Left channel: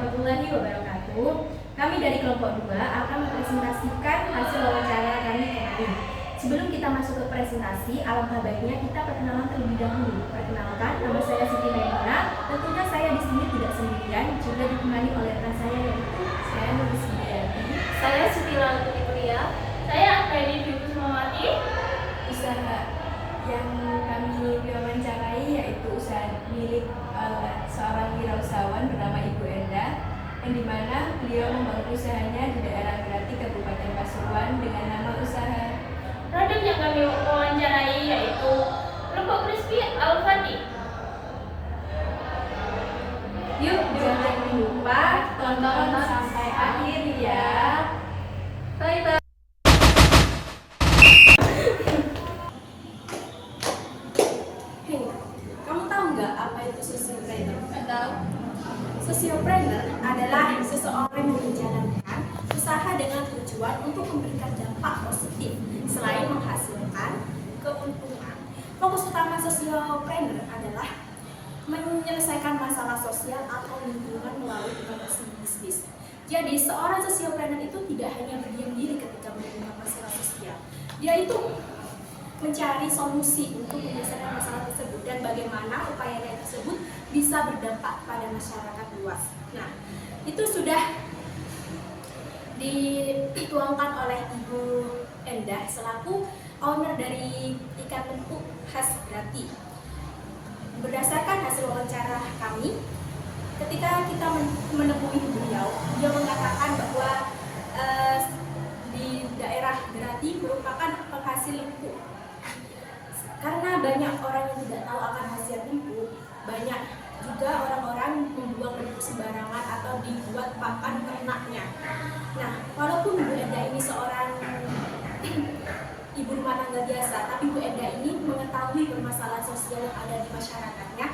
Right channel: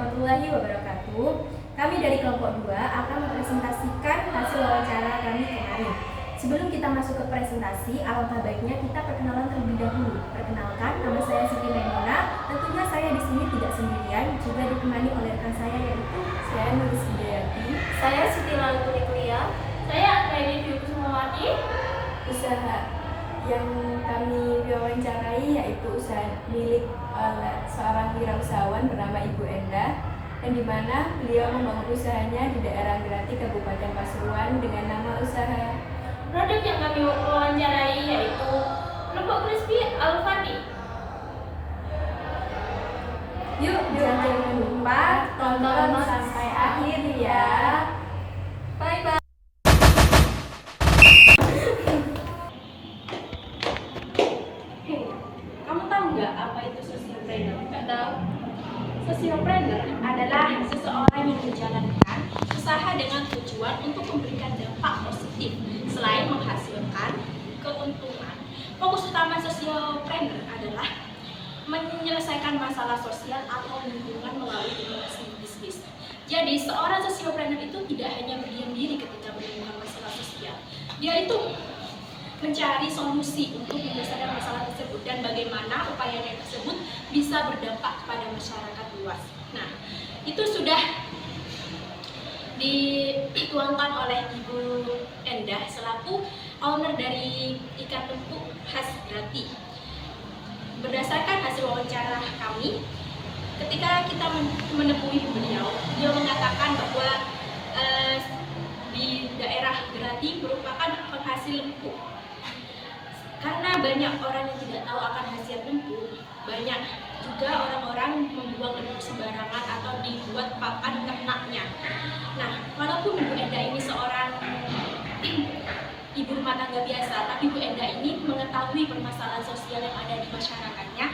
warahmatullahi wabarakatuh. Kami dari kelompok 2 akan mempresentasikan hasil wawancara kami kemarin. Sebelum kita masuk ke presentasi, alangkah baiknya kita perkenalan terlebih dahulu. Perkenalkan, nama saya Siti Maimunah. Tentunya saya di sini tidak sendirian, juga ditemani oleh rekan saya yaitu saya Nulis Hidayati. Saya Siti Laluturi Kuliah. Saya Akhlari Fitri. Usaha yang kami wawancarai yaitu usaha milik seorang wirausahawan bernama Ibu Enda, yang dimana beliau membangun usahanya di daerah Grati, Kabupaten Pasuruan dengan nama usaha. Produk yang kami wawancarai yaitu lempuk crispy Al-Fati. Yuk, jangan lupa tonton sampai akhir ya. Bye bye. Kamu tahu nggak apa itu sociopreneur? Nggak tahu. Sociopreneur adalah seseorang yang menjalankan usaha dengan tujuan untuk memberikan dampak positif selain menghasilkan keuntungan. Fokus utama sociopreneur adalah menyelesaikan masalah sosial atau lingkungan melalui inovasi bisnis. Jadi seorang sociopreneur itu tidak hanya berdiam diri ketika menemukan masalah sosial. Dia itu mencari solusi untuk menyelesaikan masalah tersebut dan bagaimana upayanya tersebut bisa berdampak pada masyarakat luas. Nah, itu sudah dituangkan oleh Ibu Endah selaku owner dari ikan lempuk khas Grati. Berdasarkan hasil wawancara kami, ketika kita menemui beliau mengatakan bahwa di daerah Grati merupakan penghasil lempuk. Karena banyak orang yang tidak tahu akan khasiat lempuk, banyak juga orang-orang membuang lempuk sembarangan atau dibuat pakan ternaknya. Nah, walaupun Bu Enda ini seorang ibu rumah tangga biasa, tapi Bu Enda ini mengetahui permasalahan sosial yang ada di masyarakatnya.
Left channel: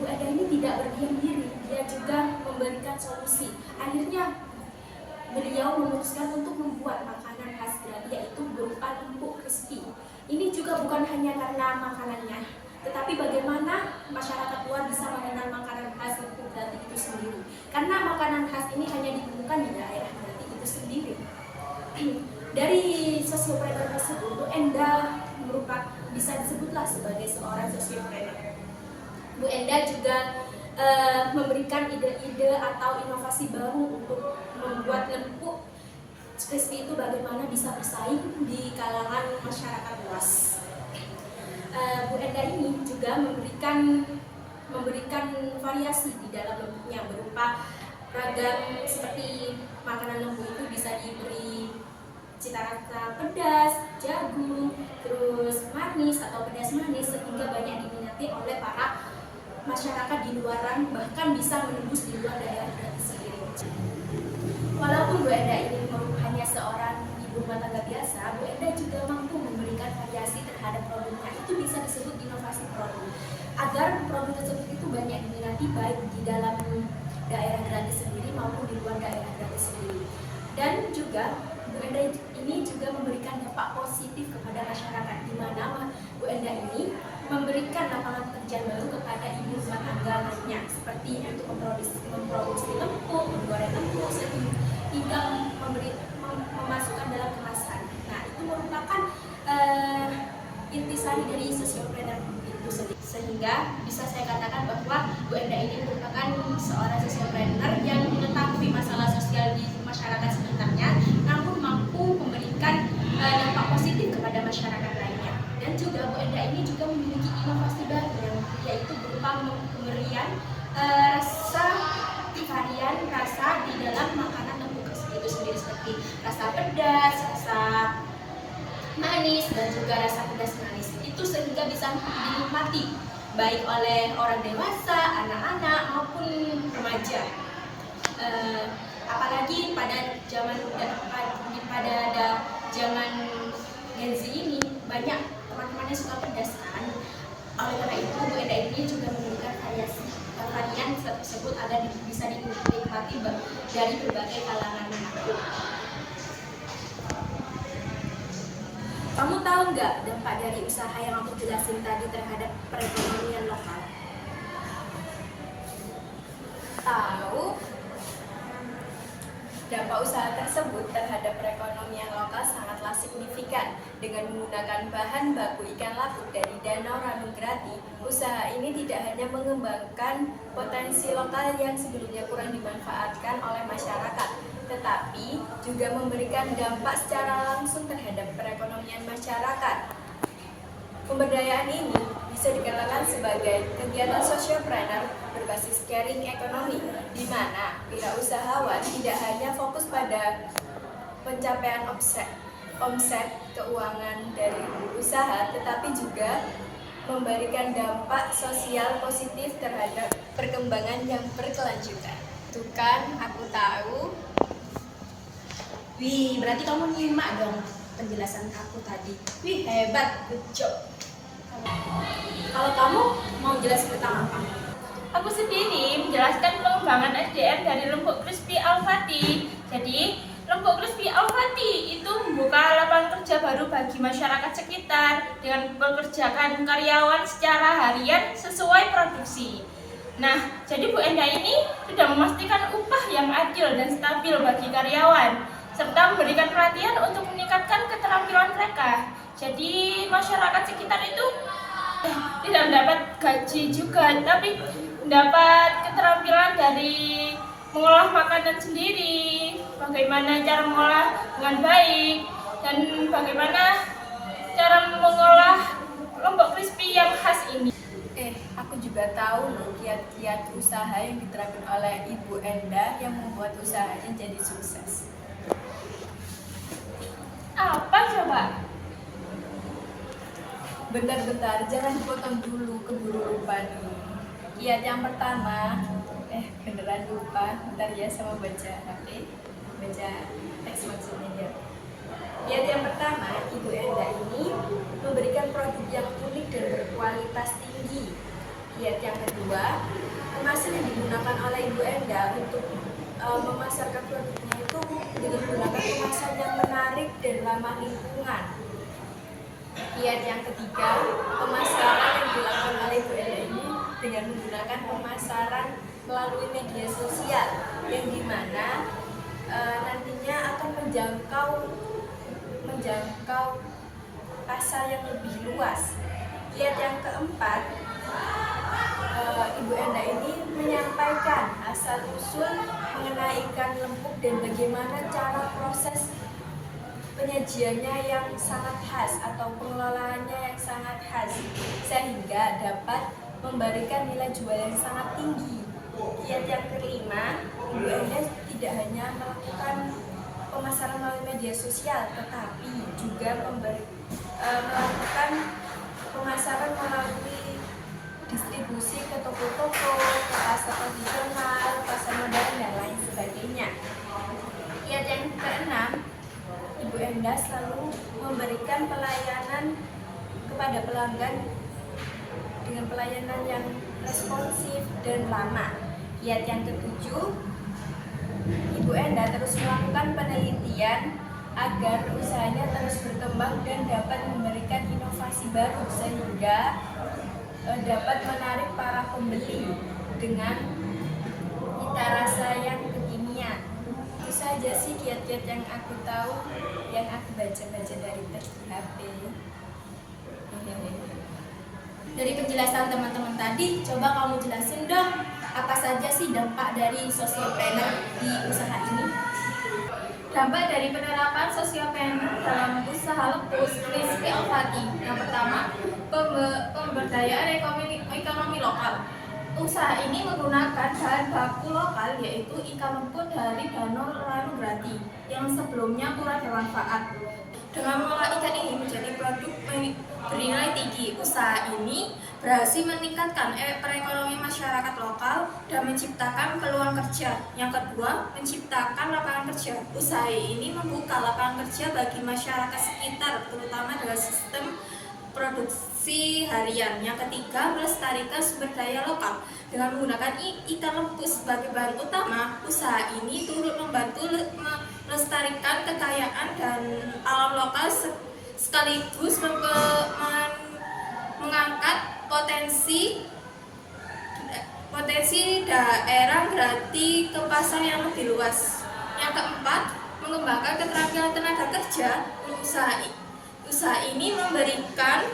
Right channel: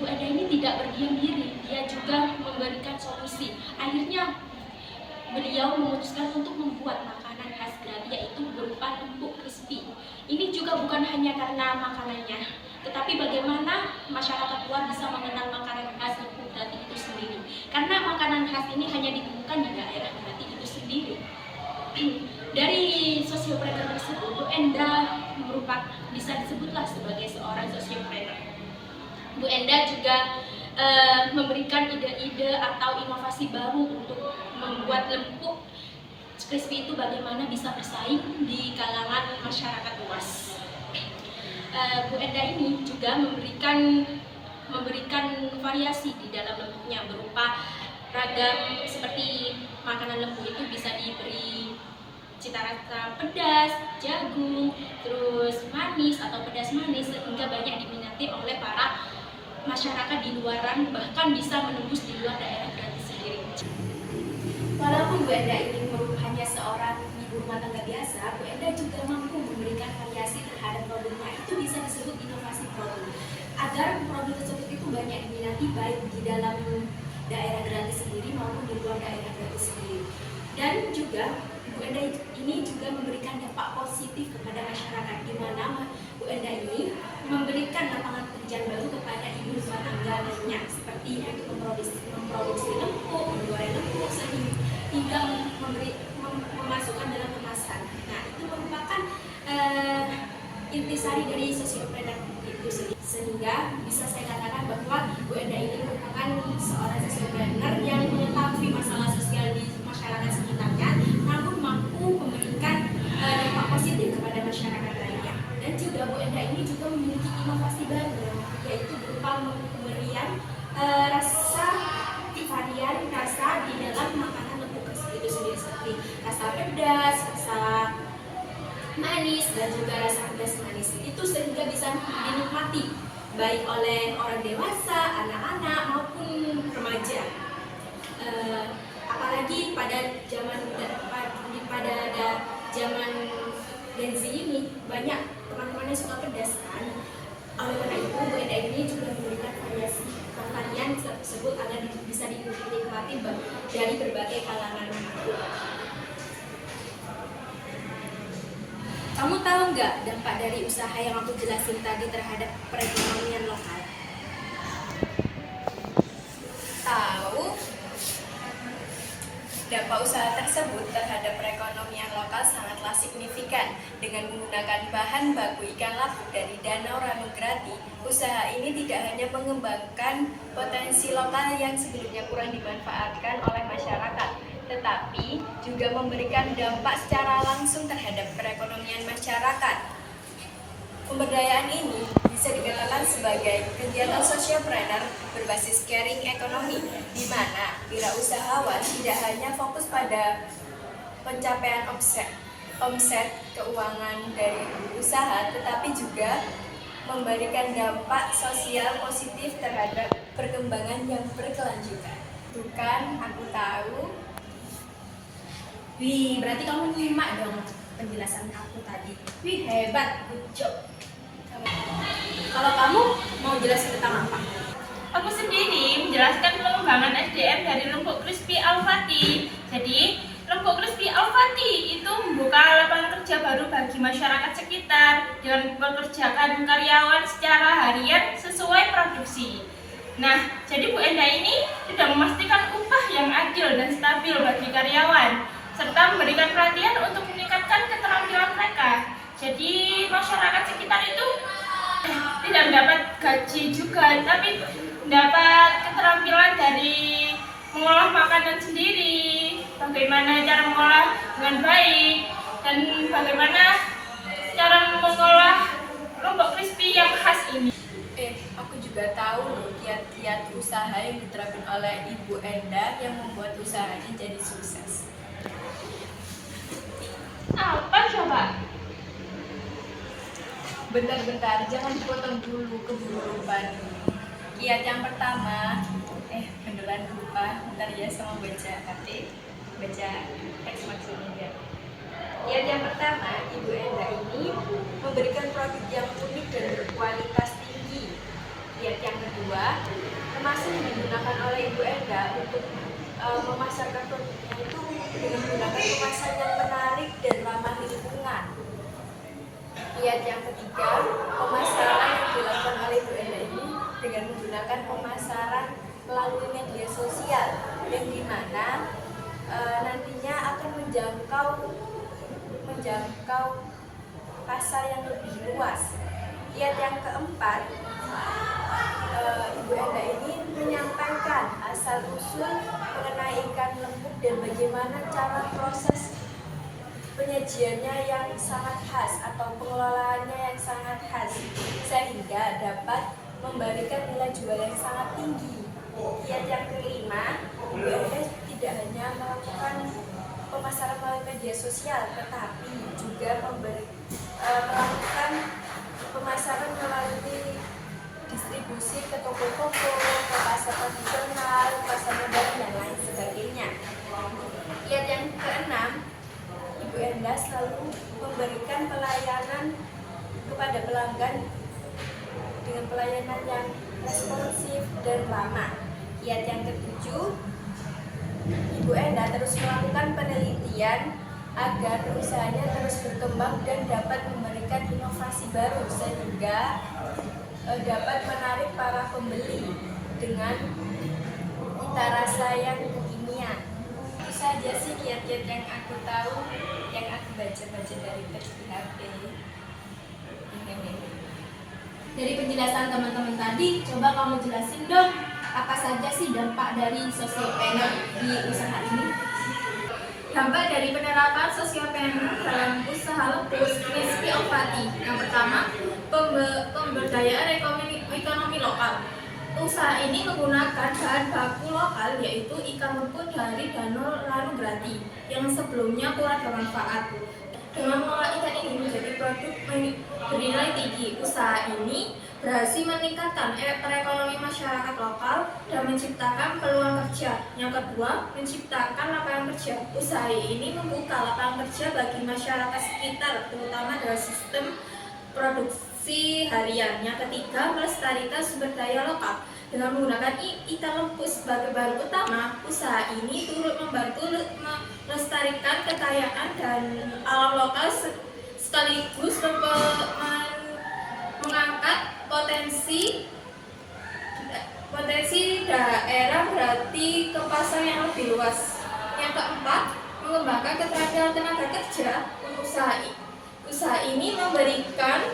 Bu Enda ini tidak berdiam diri, dia juga memberikan solusi. Akhirnya beliau memutuskan untuk membuat makanan khas Grati, yaitu berupa lempuk crispy. Ini juga bukan hanya karena makanannya, tetapi bagaimana masyarakat luar bisa mengenal makanan khas lempuk Grati itu sendiri. Karena makanan khas ini hanya ditemukan di daerah Grati itu sendiri. Dari sociopreneur tersebut, Bu Enda bisa disebutlah sebagai seorang sociopreneur. Bu Enda juga memberikan ide-ide atau inovasi baru untuk membuat lempuk crispy itu bagaimana bisa bersaing di kalangan masyarakat luas. Bu Enda ini juga memberikan variasi di dalam lempuknya berupa ragam, seperti makanan lempuk itu bisa diberi cita rasa pedas, jagung, terus manis atau pedas manis, sehingga banyak diminati oleh para masyarakat di luaran, bahkan bisa menembus di luar daerah Grati sendiri. Walaupun Bu Enda ini hanya seorang ibu rumah tangga biasa, Bu Enda juga mampu memberikan variasi terhadap produknya. Itu bisa disebut inovasi produk, agar produk tersebut itu banyak diminati baik di dalam daerah Grati sendiri maupun di luar daerah Grati sendiri. Dan juga Bu Enda ini juga memberikan dampak positif kepada masyarakat, di mana Bu Enda ini memberikan lapangan pekerjaan baru kepada ibu rumah tangga lainnya, seperti untuk memproduksi lempuk, menggoreng lempuk, hingga memasukkan dalam kemasan. Nah, itu merupakan intisari dari sociopreneur itu sendiri. Sehingga bisa saya katakan bahwa Bu Enda ini merupakan seorang sociopreneur yang mengetahui masalah sosial di masyarakat sekitarnya, namun mampu memberikan dampak positif kepada masyarakat lainnya. Dan juga Bu Enda ini juga memiliki inovasi baru, yaitu berupa pemberian varian rasa di dalam makanan lempuk itu sendiri, seperti rasa pedas, rasa manis, dan juga rasa pedas manis. Itu sehingga bisa dinikmati baik oleh orang dewasa, anak-anak maupun remaja. Apalagi pada zaman Gen Z ini banyak teman-temannya suka pedas kan. Oleh karena itu Bu Enda ini juga memberikan varian tersebut agar bisa dinikmati dari berbagai kalangan makhluk. Kamu tahu nggak dampak dari usaha yang aku jelasin tadi terhadap perekonomian lokal? Tahu. Dampak usaha tersebut terhadap perekonomian lokal sangatlah signifikan. Dengan menggunakan bahan baku ikan lapu dari Danau Ranograti, usaha ini tidak hanya mengembangkan potensi lokal yang sebelumnya kurang dimanfaatkan oleh masyarakat, tetapi juga memberikan dampak secara langsung terhadap perekonomian masyarakat. Pemberdayaan ini bisa dikatakan sebagai kegiatan sosiopreneur berbasis sharing ekonomi, di mana wirausahawan tidak hanya fokus pada pencapaian omset keuangan dari usaha, tetapi juga memberikan dampak sosial positif terhadap perkembangan yang berkelanjutan. Tuh kan, aku tahu. Wih, berarti kamu nyimak dong penjelasan aku tadi. Wih, hebat, good job. Kalau kamu mau jelasin tentang apa? Aku sendiri menjelaskan pengembangan SDM dari Lembok Crispy Al-Fatih. Jadi, Lembok Crispy Al-Fatih itu membuka lapangan kerja baru bagi masyarakat sekitar dengan mempekerjakan karyawan secara harian sesuai produksi. Nah, jadi Bu Enda ini sudah memastikan upah yang adil dan stabil bagi karyawan, serta memberikan pelatihan untuk meningkatkan keterampilan mereka. Jadi, masyarakat sekitar itu tidak mendapat gaji juga, tapi mendapat keterampilan dari mengolah makanan sendiri, bagaimana cara mengolah dengan baik, dan bagaimana cara mengolah lombok crispy yang khas ini. Aku juga tahu loh kiat-kiat usaha yang diterapkan oleh Ibu Enda yang membuat usahanya jadi sukses. Apa coba? Bentar, jangan dipotong dulu, keburu lupa nih. Kiat yang pertama, beneran lupa, bentar ya sama baca teks maksudnya ya. Kiat yang pertama, Ibu Enda ini memberikan produk yang unik dan berkualitas tinggi. Kiat yang kedua, kemasan yang digunakan oleh Ibu Enda untuk memasarkan produknya itu dengan menggunakan kemasan yang menarik dan ramah lingkungan. Kiat yang ketiga, pemasaran yang dilakukan oleh Bu Enda ini dengan menggunakan pemasaran melalui media sosial yang dimana nantinya akan menjangkau pasar yang lebih luas. Kiat yang keempat, Ibu Enda ini menyampaikan asal-usul mengenai ikan lembuk dan bagaimana cara proses penyajiannya yang sangat khas atau pengelolaannya yang sangat khas sehingga dapat memberikan nilai jual yang sangat tinggi. Kiat yang kelima, Ibu Enda tidak hanya melakukan pemasaran melalui media sosial, tetapi juga melakukan pemasaran melalui distribusi ke toko-toko, ke pasar tradisional, pasar modern dan lain sebagainya. Kiat yang keenam, Ibu Enda selalu memberikan pelayanan kepada pelanggan dengan pelayanan yang responsif dan ramah. Kiat yang ketujuh, Ibu Enda terus melakukan penelitian agar usahanya terus berkembang dan dapat memberikan inovasi baru sehingga dapat menarik para pembeli dengan cita rasa yang kekinian. Itu saja sih kiat-kiat yang aku tahu, yang aku baca-baca dari teks di HP. Dari penjelasan teman-teman tadi, coba kamu jelasin dong apa saja sih dampak dari sosiopreneur di usaha ini? Dampak dari penerapan sosiopreneur dalam usaha Lembok Crispy Al-Fatih. Yang pertama, pemberdayaan ekonomi lokal. Usaha ini menggunakan bahan baku lokal yaitu ikan lembut dari Danau Ranograti yang sebelumnya kurang bermanfaat. Dengan mengolah ikan ini menjadi produk bernilai tinggi, usaha ini berhasil meningkatkan perekonomian masyarakat lokal dan menciptakan peluang kerja. Yang kedua, menciptakan lapangan kerja. Usaha ini membuka lapangan kerja bagi masyarakat sekitar, terutama dalam sistem produksi harian. Yang ketiga, melestarikan sumber daya lokal. Dengan menggunakan ikan lembut sebagai bahan utama, usaha ini turut membantu melestarikan kekayaan dan alam lokal sekaligus mengangkat potensi daerah berarti ke pasar yang lebih luas. Yang keempat, mengembangkan keterampilan tenaga kerja. Usaha ini memberikan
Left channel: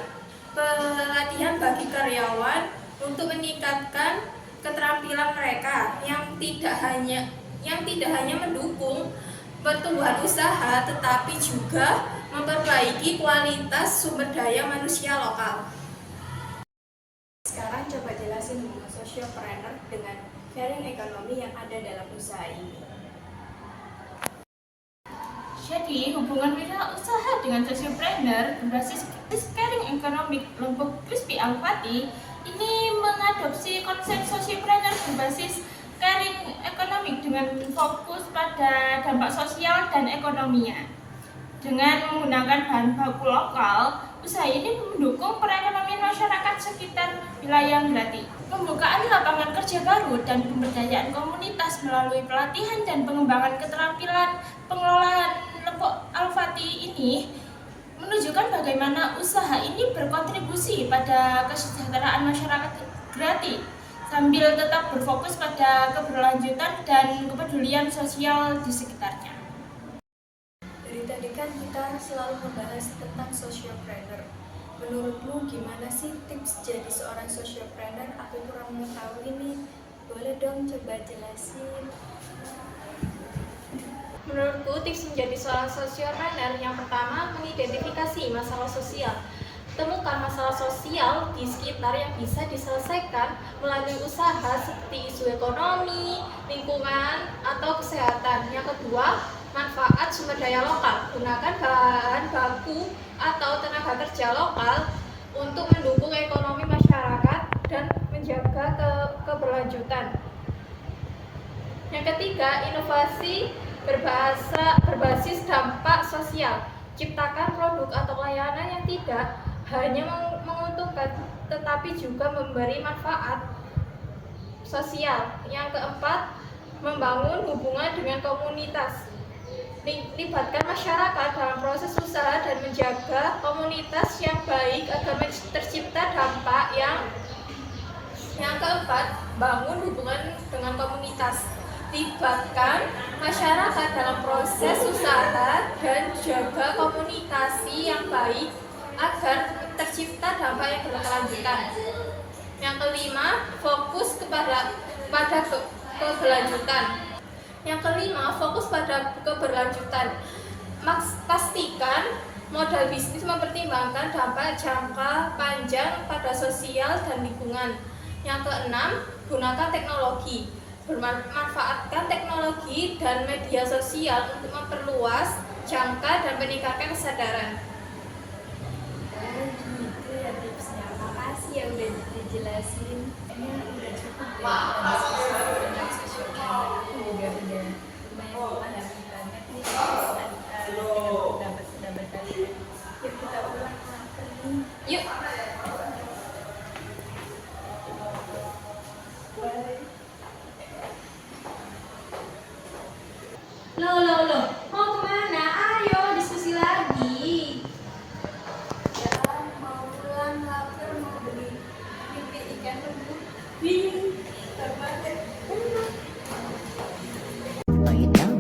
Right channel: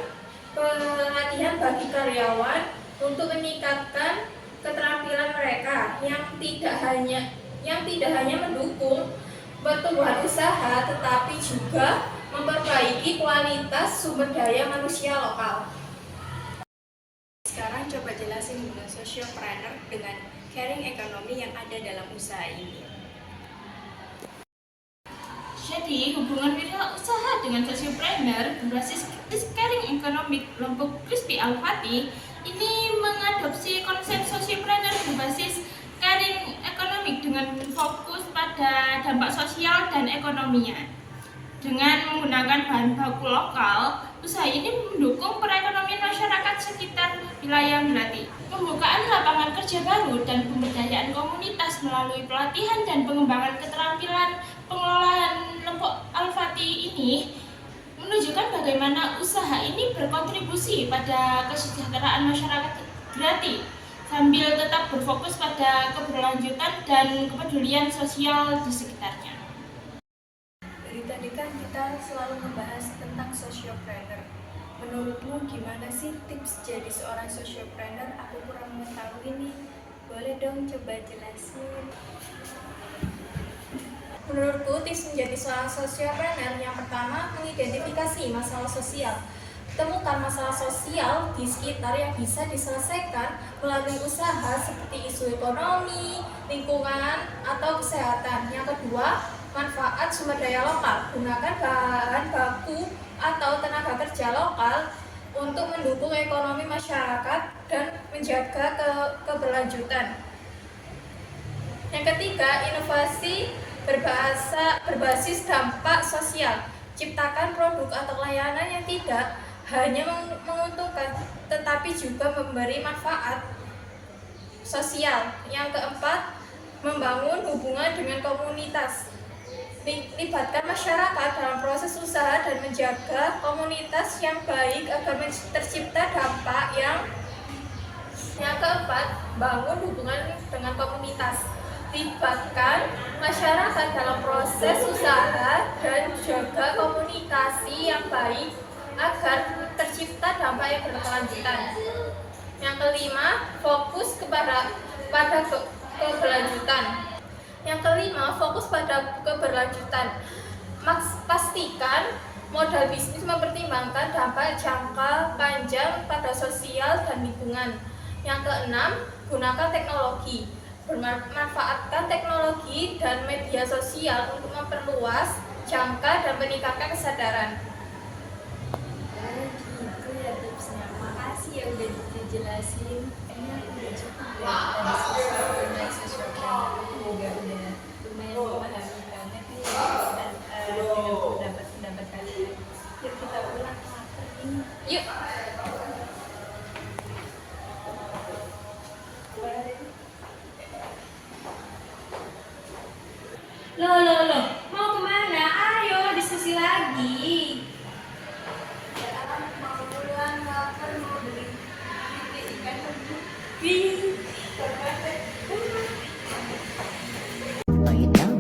pelatihan bagi karyawan untuk meningkatkan keterampilan mereka yang tidak hanya mendukung pertumbuhan usaha tetapi juga memperbaiki kualitas sumber daya manusia lokal. Sekarang coba jelasin hubungan sociopreneur dengan sharing ekonomi yang ada dalam usaha ini. Jadi, hubungan wirausaha dengan sociopreneur berbasis sharing economic Lempuk Crispy Alfati ini mengadopsi konsep sociopreneur berbasis sharing economic dengan fokus pada dampak sosial dan ekonominya. Dengan menggunakan bahan baku lokal, usaha ini mendukung perekonomian masyarakat sekitar wilayah Grati. Pembukaan lapangan kerja baru dan pemberdayaan komunitas melalui pelatihan dan pengembangan keterampilan pengelolaan Lempuk Alfati ini menunjukkan bagaimana usaha ini berkontribusi pada kesejahteraan masyarakat Grati sambil tetap berfokus pada keberlanjutan dan kepedulian sosial di sekitarnya. Dari tadi kan kita selalu membahas tentang sociopreneur. Menurutmu gimana sih tips jadi seorang sociopreneur? Aku kurang mengetahui nih. Boleh dong coba jelasin. Menurutku, tips menjadi seorang sociopreneur yang pertama, mengidentifikasi masalah sosial. Temukan masalah sosial di sekitar yang bisa diselesaikan melalui usaha seperti isu ekonomi, lingkungan, atau kesehatan. Yang kedua, manfaat sumber daya lokal. Gunakan bahan baku atau tenaga kerja lokal untuk mendukung ekonomi masyarakat dan menjaga keberlanjutan. Yang ketiga, inovasi berbasis dampak sosial. Ciptakan produk atau layanan yang tidak hanya menguntungkan tetapi juga memberi manfaat sosial. Yang keempat, membangun hubungan dengan komunitas. Libatkan masyarakat dalam proses usaha dan menjaga komunitas yang baik agar tercipta dampak yang keempat, bangun hubungan dengan komunitas. Libatkan masyarakat dalam proses usaha dan jaga komunikasi yang baik agar tercipta dampak yang berkelanjutan. Yang kelima, fokus pada keberlanjutan. Yang kelima, fokus pada keberlanjutan. Pastikan modal bisnis mempertimbangkan dampak jangka panjang pada sosial dan lingkungan. Yang keenam, gunakan teknologi. Manfaatkan teknologi dan media sosial untuk memperluas jangka dan meningkatkan kesadaran. Gitu ya tipsnya. Makasih ya udah dijelasin. Ini udah cukup ya. Diskusi tentang sociopreneur itu juga udah lumayan memahami banget nih dengan pendapat kalian. Yuk kita ulang apa nih? Yuk. Loh, mau kemana? Ayo diskusi lagi. Ya mau pulang lapar mau beli ikan rebus. Wih. Terbatas. Lay it down.